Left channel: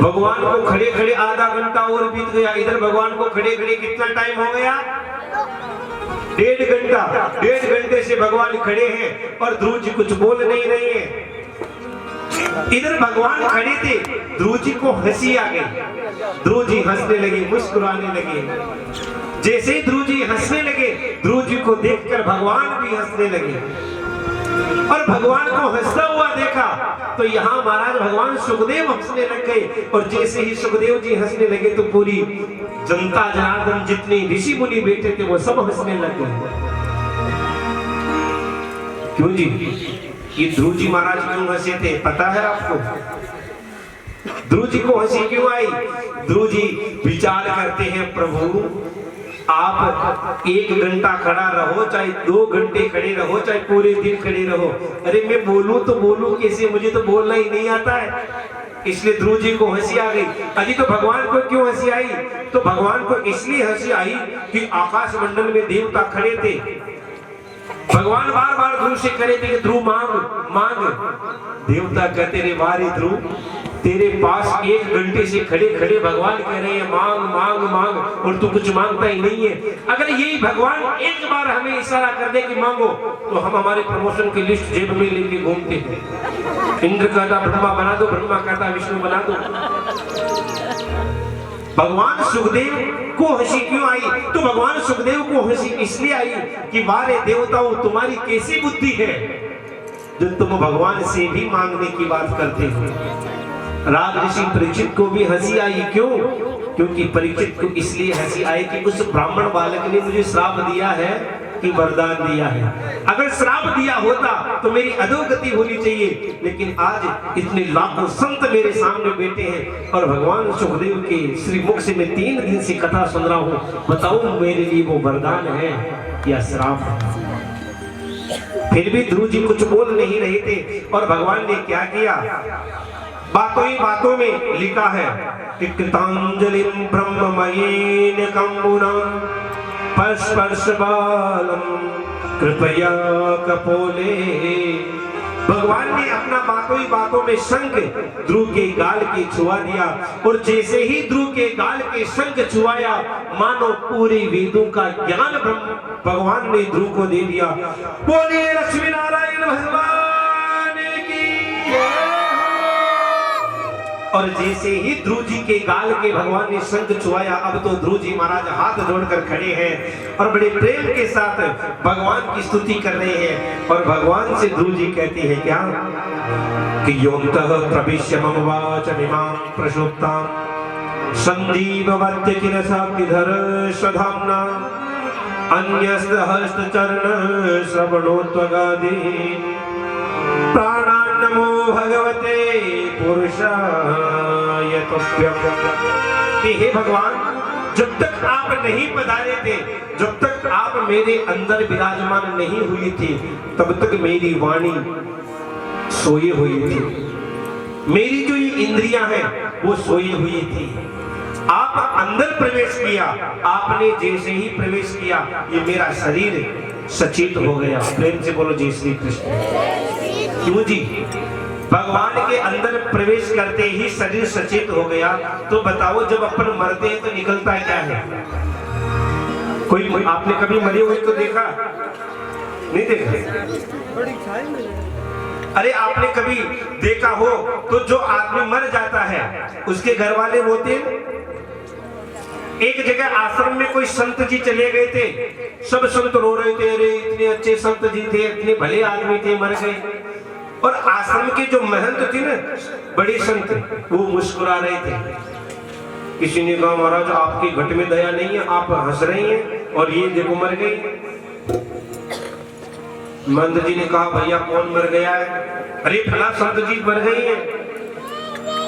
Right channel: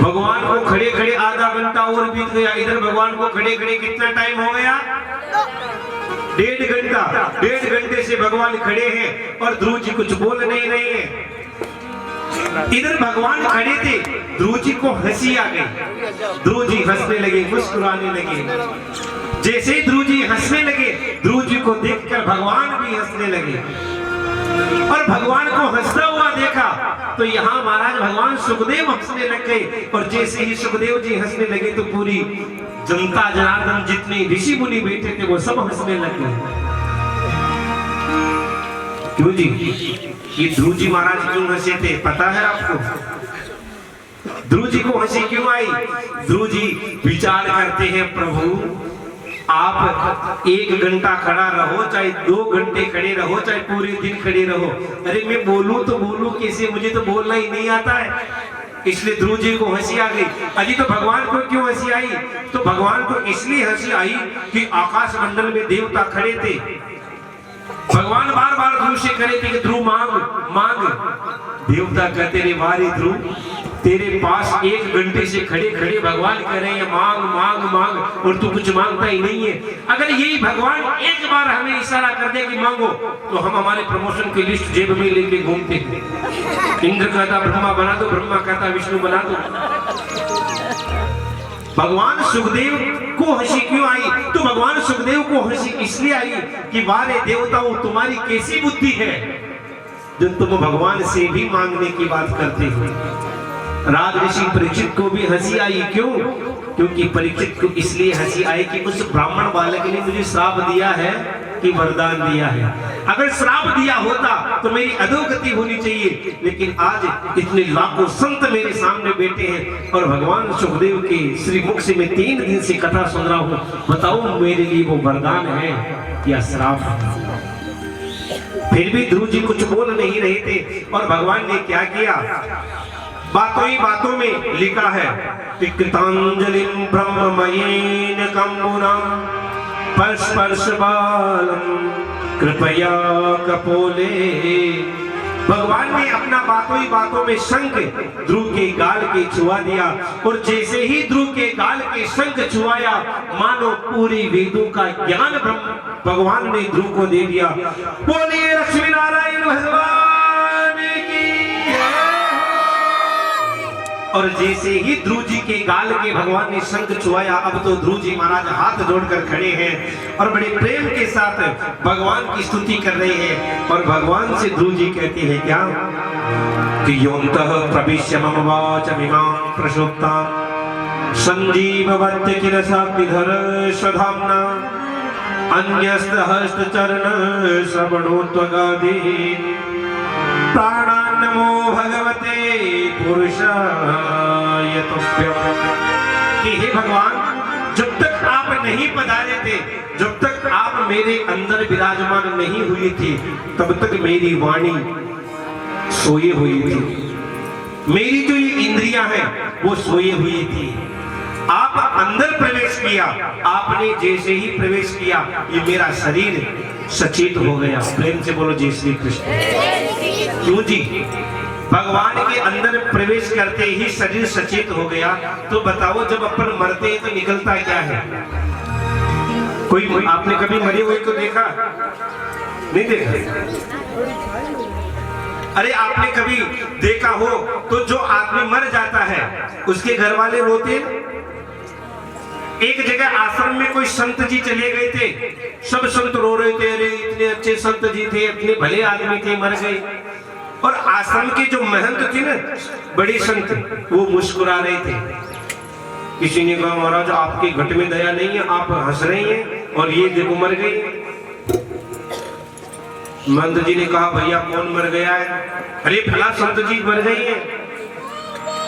भगवान को खड़े खड़े आधा घंटा और बीत गया। इधर भगवान को खड़े खड़े कितना टाइम हो गया? 1.5 घंटा। 1.5 घंटे से भगवान खड़े हैं और ध्रुव जी कुछ बोल नहीं रहे हैं। इधर भगवान खड़े थे, ध्रुव जी को हंसी आ गई। ध्रुव जी हंसने लगे, मुस्कुराने लगे। जैसे ही ध्रुव जी हंसने लगे, ध्रुव जी को देखकर भगवान भी हंसने लगे। और भगवान को हंसता हुआ देखा तो यहाँ महाराज भगवान सुखदेव हंसने लग गए। और जैसे ही सुखदेव जी हंसने लगे तो पूरी जनता जनार्दन जितने ऋषि मुनि बैठे थे वो सब हंसने लग गए। क्यों जी? ये ध्रुव जी महाराज क्यों हंसे थे पता है आपको? ध्रुव जी को हंसी क्यों आई? ध्रुव जी विचार करते हैं, प्रभु आप 1 घंटा खड़ा रहो, चाहे 2 घंटे खड़े रहो, चाहे पूरे दिन खड़े रहो। अरे मैं बोलूं तो बोलूं कैसे? मुझे तो बोलना ही नहीं आता है। इसलिए ध्रुव जी को हंसी आ गई। अजी तो भगवान को क्यों हंसी आई? तो भगवान को इसलिए हंसी आई कि आकाश मंडल में देवता खड़े थे। भगवान बार बार ध्रुव से करे थे कि ध्रुव मांग मांग। देवता कहते रे वारी ध्रुव, तेरे पास 1 घंटे से खड़े खड़े भगवान कह रहे हैं मांग मांग मांग, और तू कुछ मांगता ही नहीं है। अगर यही भगवान एक बार हमें इशारा कर दे कि मांगो, तो हम हमारे प्रमोशन की लिस्ट जेब में लेके घूमते हैं। इंद्र कहता ब्रह्मा बना दो, ब्रह्मा कहता विष्णु बना दो। भगवान सुखदेव को हंसी क्यों आई? तो भगवान सुखदेव को हंसी इसलिए आई कि वारे देवताओं, तुम्हारी कैसी बुद्धि है जो तुम भगवान से भी मांगने की बात करते हो। राज ऋषि परीक्षित को भी हंसी आई। क्यों? क्योंकि परीक्षित को इसलिए हंसी आई कि उस ब्राह्मण बालक ने मुझे श्राप दिया है कि वरदान दिया है। अगर श्राप दिया होता तो मेरी अधोगति होनी चाहिए, लेकिन आज इतने लाखों संत मेरे सामने बैठे हैं और भगवान सुखदेव के श्री मुख से मैं 3 दिन से कथा सुन रहा हूँ। बताओ मेरे लिए वो वरदान है या श्राप? फिर भी ध्रुव जी कुछ बोल नहीं रहे थे। और भगवान ने क्या किया? बातों ही बातों में लिखा है कि कृतांजलिं ब्रह्ममयीन कंबुनां स्पर्श बालम कृपया कपोले। भगवान ने अपना बातों ही बातों में शंख ध्रुव के गाल के छुआ दिया। और जैसे ही ध्रुव के गाल के शंख छुआया, मानो पूरे वेदों का ज्ञान भगवान ने ध्रुव को दे दिया। बोलिए लक्ष्मी नारायण भगवान की जय। और जैसे ही ध्रुव जी के गाल के भगवान ने शंख छुआया, अब तो ध्रुव जी महाराज हाथ जोड़कर खड़े हैं और बड़े प्रेम के साथ भगवान की स्तुति कर रहे हैं। और भगवान से ध्रुव जी कहती है क्या कि योऽन्तः प्रविश्य मम वाचमिमां प्रसुप्तां संजीववत्य किल शाक्तिधर स्वधाम्ना अन्यस्तहस्तचरण श्रवणोत्वगादीन् प्राणान् नमो भगवते पुरुषाय तुभ्यम्। कि हे भगवान, जब तक आप नहीं पधारे थे, जब तक आप मेरे अंदर विराजमान नहीं हुई थी, तब तक मेरी वाणी सोई हुई थी, मेरी जो ये इंद्रियां हैं वो सोई हुई थी। आप अंदर प्रवेश किया, आपने जैसे ही प्रवेश किया ये मेरा शरीर सचेत हो गया। प्रेम से बोलो जय श्री कृष्ण। क्यों जी? भगवान के अंदर प्रवेश करते ही शरीर सचेत हो गया। तो बताओ जब अपन मरते हैं तो निकलता क्या है? कोई आपने कभी मरे हुए को देखा? नहीं देखा? अरे आपने कभी देखा हो तो जो आदमी मर जाता है उसके घर वाले रोते। एक जगह आश्रम में कोई संत जी चले गए थे, सब संत रो रहे थे, अरे इतने अच्छे संत जी थे, इतने भले आदमी थे, मर गए। और आश्रम के जो महंत थे ना, बड़े संत, वो मुस्कुरा रहे थे। किसी ने कहा महाराज आपके घट में दया नहीं है, आप हंस रही हैं और ये देखो मर गई। महंत जी ने कहा भैया कौन मर गया है? अरे फला संत जी मर गई है।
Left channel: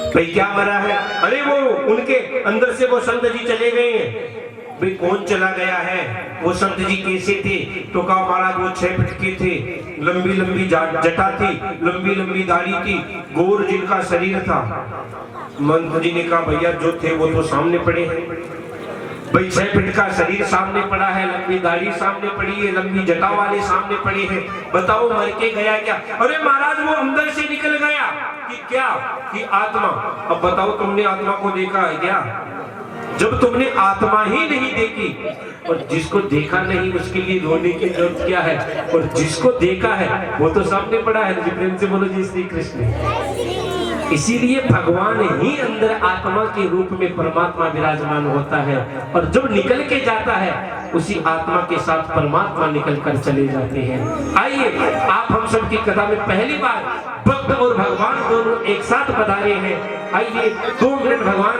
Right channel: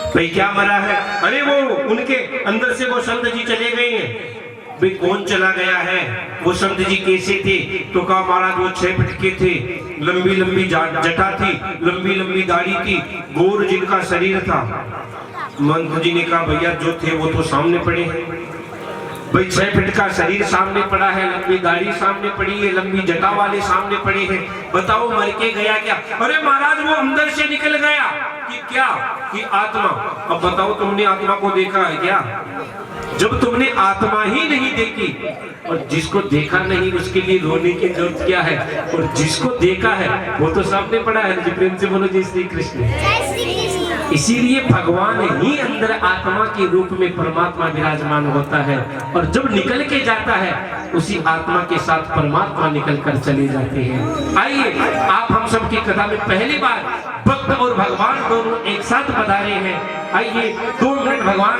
भाई क्या मरा है? अरे वो उनके अंदर से वो संत जी चले गए हैं। भाई कौन चला गया है? वो संत जी कैसे थे? तो कहा महाराज वो 6 फीट के थे, लंबी लंबी जटा थी, लंबी लंबी दाढ़ी थी, गोर जिनका शरीर था। मंत्र जी ने कहा भैया जो थे वो तो सामने पड़े हैं। भाई 6 फीट का शरीर सामने पड़ा है, लंबी दाढ़ी सामने पड़ी है, लंबी जटा वाले सामने पड़ी है, बताओ मर के गया क्या? अरे महाराज वो अंदर से निकल गया कि क्या कि आत्मा। अब बताओ तुमने आत्मा को देखा है क्या? जब तुमने आत्मा ही नहीं देखी और जिसको देखा नहीं उसके लिए रोने की जरूरत क्या है? और जिसको देखा है वो तो सामने पड़ा है। जी प्रेम से बोलो जी श्री कृष्ण। इसीलिए भगवान ही अंदर आत्मा के रूप में परमात्मा विराजमान होता है और जब निकल के जाता है उसी आत्मा के साथ परमात्मा निकल कर चले जाते हैं। आइए आप हम सब की कथा में पहली बार भक्त और भगवान दोनों एक साथ पधारे हैं। आइए 2 मिनट भगवान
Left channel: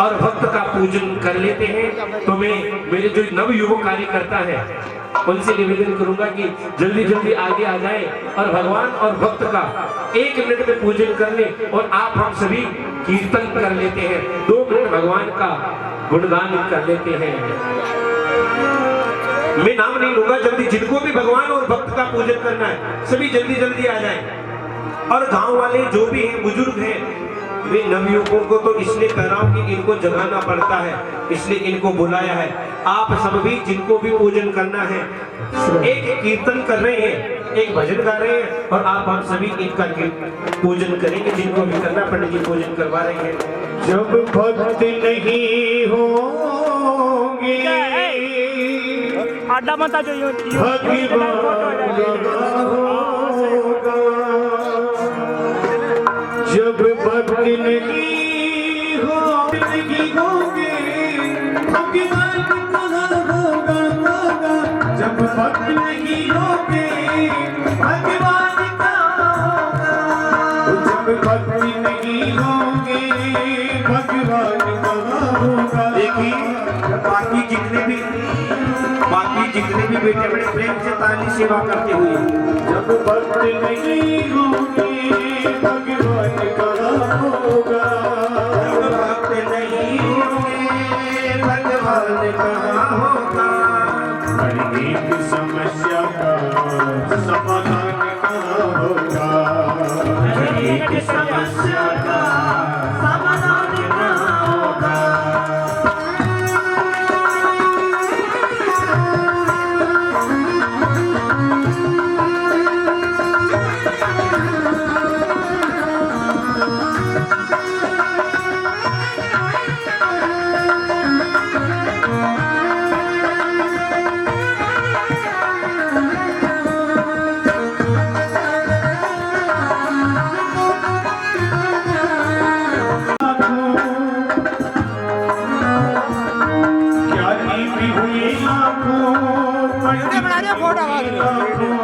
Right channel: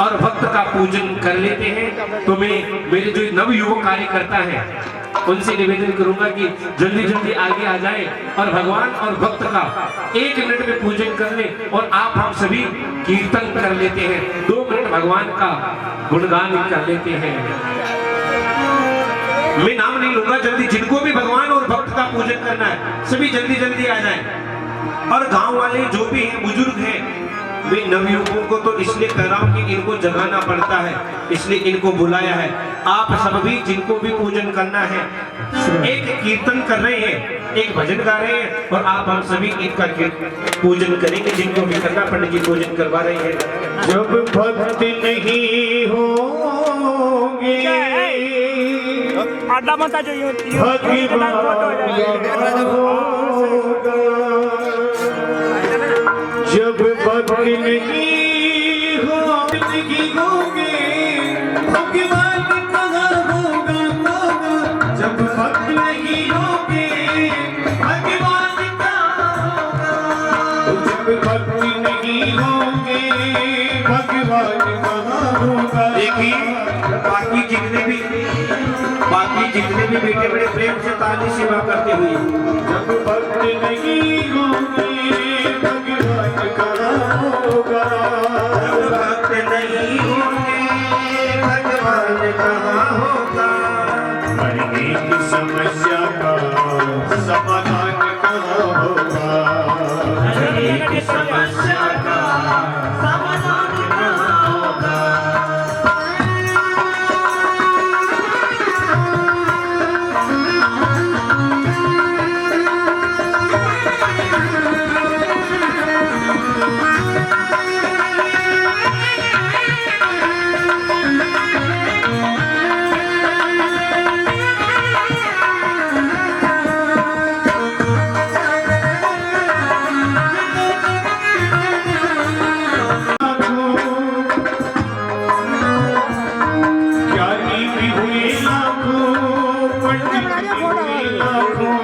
और भक्त का पूजन कर लेते हैं। तो मैं मेरे जो नव युवक कार्यकर्ता है उनसे निवेदन करूंगा कि जल्दी जल्दी आगे आ जाए और भगवान और भक्त का 1 मिनट में पूजन कर ले और आप हम सभी कीर्तन कर लेते हैं। 2 मिनट भगवान का गुणगान कर लेते हैं। मैं नाम नहीं लूंगा, जल्दी जिनको भी भगवान और भक्त का पूजन करना है सभी जल्दी जल्दी आ जाए। और गांव वाले जो भी हैं बुजुर्ग हैं, वे नवयुवकों को तो इसलिए कह रहा हूं कि इनको जगाना पड़ता है, इसलिए इनको बुलाया है। आप सब भी जिनको भी पूजन करना है, एक कीर्तन कर रहे हैं, एक भजन गा रहे हैं और आप हम सभी इनका पूजन करेंगे। जिनको भी करना पंडित जी पूजन करवा रहे हैं। जब भक्त नहीं होंगे आडा मत जो फोटो जब भक्त नहीं होंगे भगवान कहाँ होगा जब भक्त नहीं होंगे भगवान कहाँ होगा जब भक्त नहीं होंगे भगवान कहाँ होगा। देखिए बाकी जितने भी बेटे बड़े प्रेम से ताली सेवा करते हुए, जब भक्त नहीं होंगे भगवान कहाँ होगा जब भक्त नहीं होंगे भगवान कहाँ होगा। हर एक समस्या का समाधान कहाँ होगा हर एक समस्या का समाधान कहाँ होगा। पंडित भी हुए लाखों,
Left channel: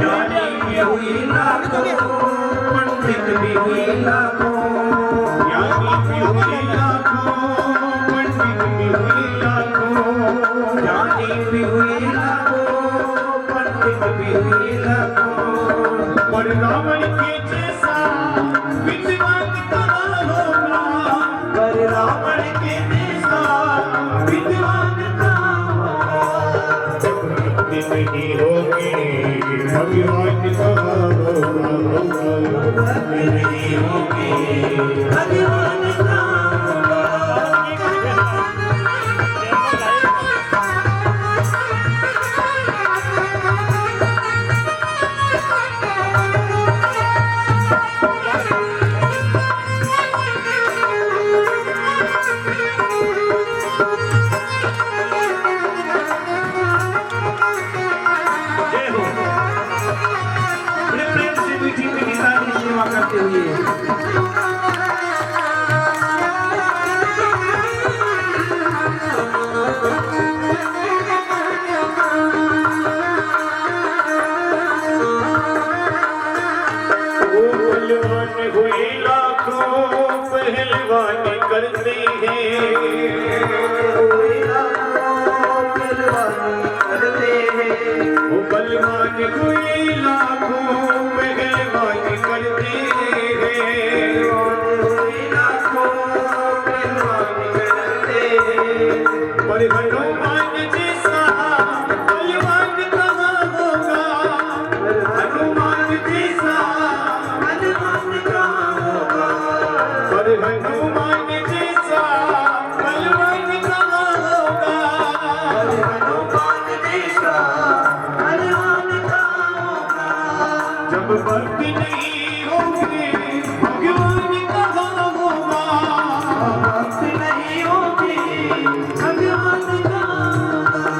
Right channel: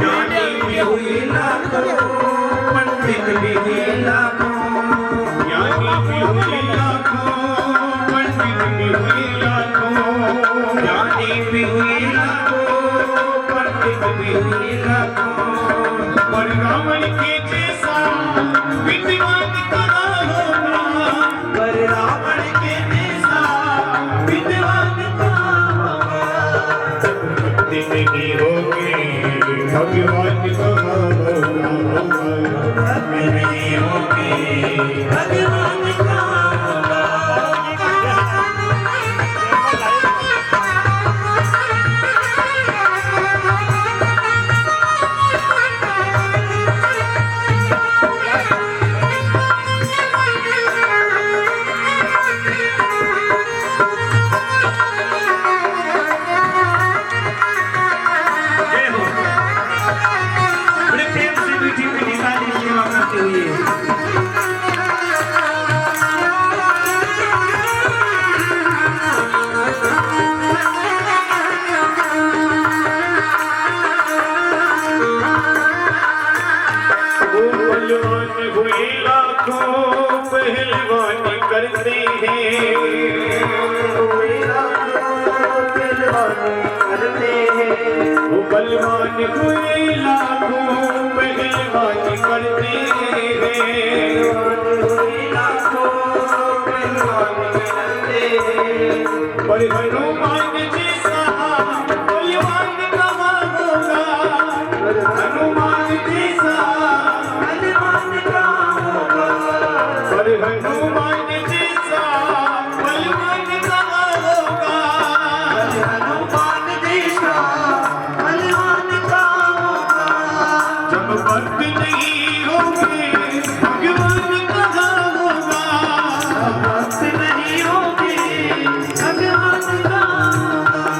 ज्ञानी भी हुए लाखों पंडित भी हुए लाखों ज्ञानी भी हुए लाखों, पंडित भी हुए लाखों। पर रावण के जैसा विद्वान कहाँ होगा पर रावण के जैसा विद्वान कहाँ होगा। जब भक्ति नहीं होगी भगवान कहाँ होगा नहीं होगी भगवान कहाँ होगा। बड़े प्रेम से मीठी मीठी ताली सेवा करते हुए पहलवान हुए लाखों पहलवान करते हैं वो बलवान हुए लाखों पहलवान करते हैं पर हनुमान जैसा बलवान कहाँ होगा हनुमान जैसा पर हनुमान जैसा बलवान कहाँ भक्ति नहीं